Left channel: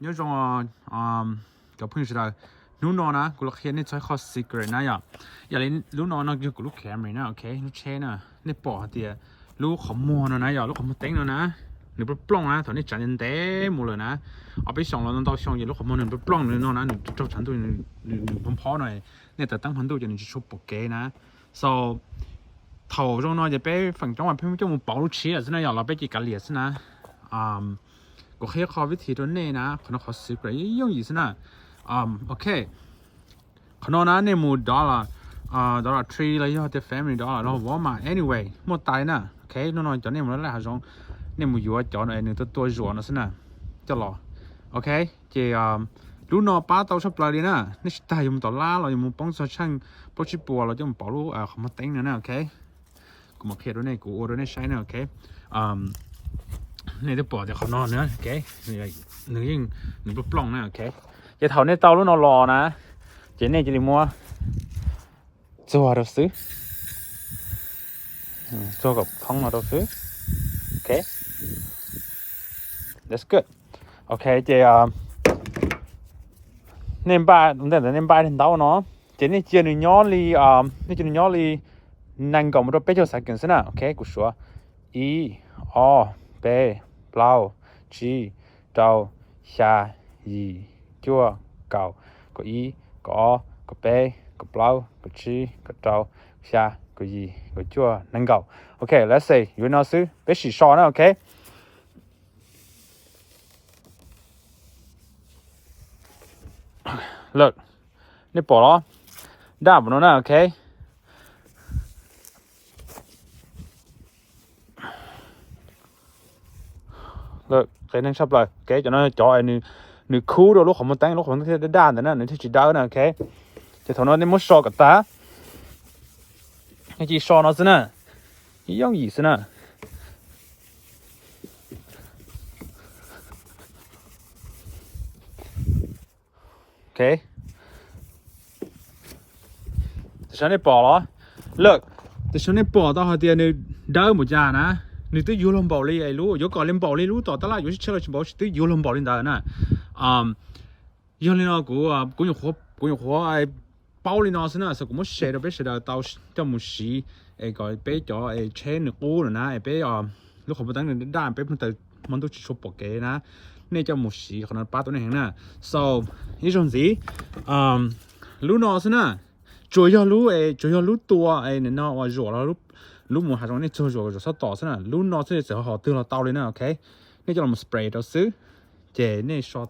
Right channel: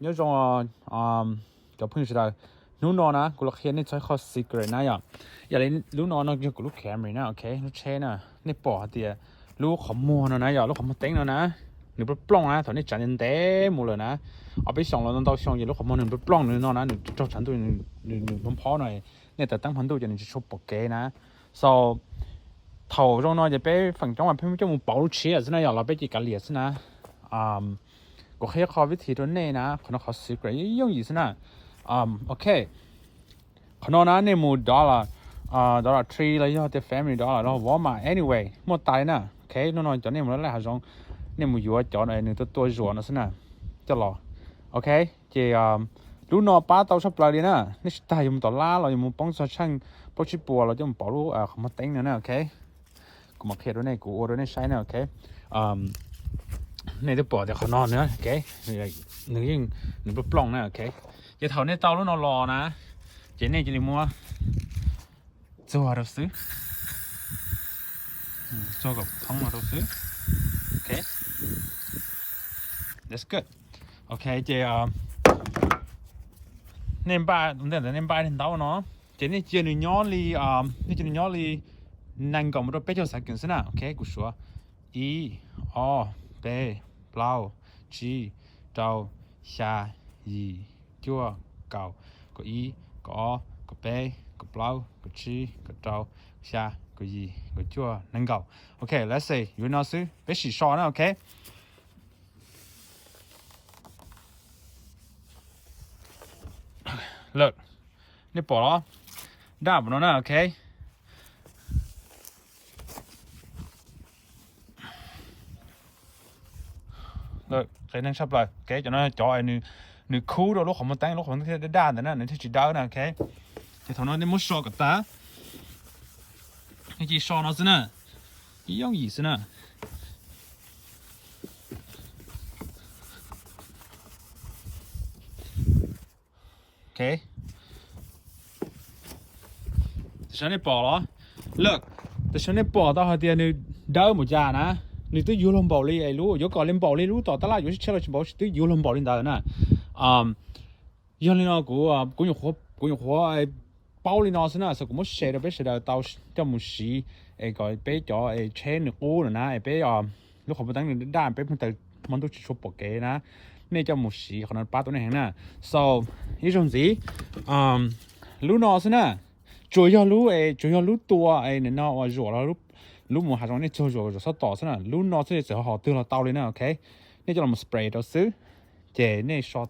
nhớ rằng cái phương là lúc nó nèกูเราเขียนในใช้ข้อ secret นะอย่าเลยlúc nóจะกูรู้แคมเลยนะโอเครู้เช่นนะในปอดเดียรู้ข้อมูลนะอย่ารู้ข้อมูลเต็งนะหนูไปปล้องนะตอนนี้จันยันเต็มหมดเลยนะเอาไปส่งเราต้องส่งอย่ารู้ข้อมูลหนูไปปล้องหนูนอนนะหนูเจ้าฉันตัวหนูพร้อมหน่อยเนี่ยแต่ตั้งพันตัวจะหนูจะชอบปกเกนะ so 头中呢就被分中文偏就冇保持啊，真係由來俾幾個列先啦，我可以考วิธีตัวนี้นะ可能考secret用意思นะOK 可能นะเนี่ย冇dollar 3แล้ว又係 family dollar แล้วว่ามา anyway หมดตายนะ OK น้อยๆตอนนี้มันแล้วหาจงเนี่ย冇อยู่ว่าจอเนี่ยหนึ่งตัวรัวนะสินะจะรอ OK จะรู้นอป้าเตาชอบปลาดีนะนี่ตายอยู่ต่อล่าเราอยู่ป้องช่างป้องชิปัวเราจะ冇保รู้เขามาเต็งนะ OKกูมาเพียรด้วยกูโอ้ด้วยใช้นะโอเคในตัวปอดเดี๋ยวเขานอนนะโอเคหนึ่งยิ่งหนึ่งปล้องนะโอเคจะเท่าในเตาแล้วนอนรอนะเจเนี่ยจะรีมัวจัวเราซื้อจัวกับท้องเราซื้อโอเค that's good โอเคเจเนมบ้าแต่เนมบ้าถึงเตาเนาะเจนี่เจนี่ย้อนลีนี่เจนี่ย้อนลีนั่งก่อนมันต้องไปเจอสักกันสินะโอเคกูชัวอีอเบเปล่าจีเจ้าชาอีจัวเก่าก็อีก็อก็เบก็เปล่าก็จีก็เจ้าชาก็อีก็จัวนั่งเก่าโอเค let's say อยู่น่าซื้อไปสีชอนะโอเคเลิกนี่ปอแล้วด่าบนู้นนะโอเคเลิกใครนั่งชอบเลยโอเคจะน้อยจอยนึกคูลด้วยลูกของมันแต่งลูกของมันที่ได้ด้านแต่นั่นนี่ที่จีดาวนะโอเคจะถอนนั้นไม่ชอบกับตาไอ้จีชอบนั่นสินะยังอีสินะโอเคแต่ฉันได้บอกแล้วเลิกแต่ฉันได้บอกตอนเขาเดียวนึกดาวหมดจานะ你对游龙堡里哎路，有搞林堡里路到得啦，有些吃了去堡是对游龙堡里大呢，原来那个公用活哎，堡里那是呢，是我们写的被写的到叫木西，哎个被叫哎车你过了呢，哎被ลูกของมันตั้งในด้านไปมันแต่มันต้องชอบปกเกนะนี่เจ้ามุสีขนาดป้าตัวนี้แห่งน่ะ so อีจงสิรู้นอสินะจุย要รู้ตัวไอ้เนี่ยนอว่าจั่วแล้วรู้หมูหาตรงนี้จั่วจะสต่อสินะรู้นอสิจะหอตื่นเราเตาเลยนะโอเคนี่จะลองมาสเปรย์เราซื้อเจนี่ช็อต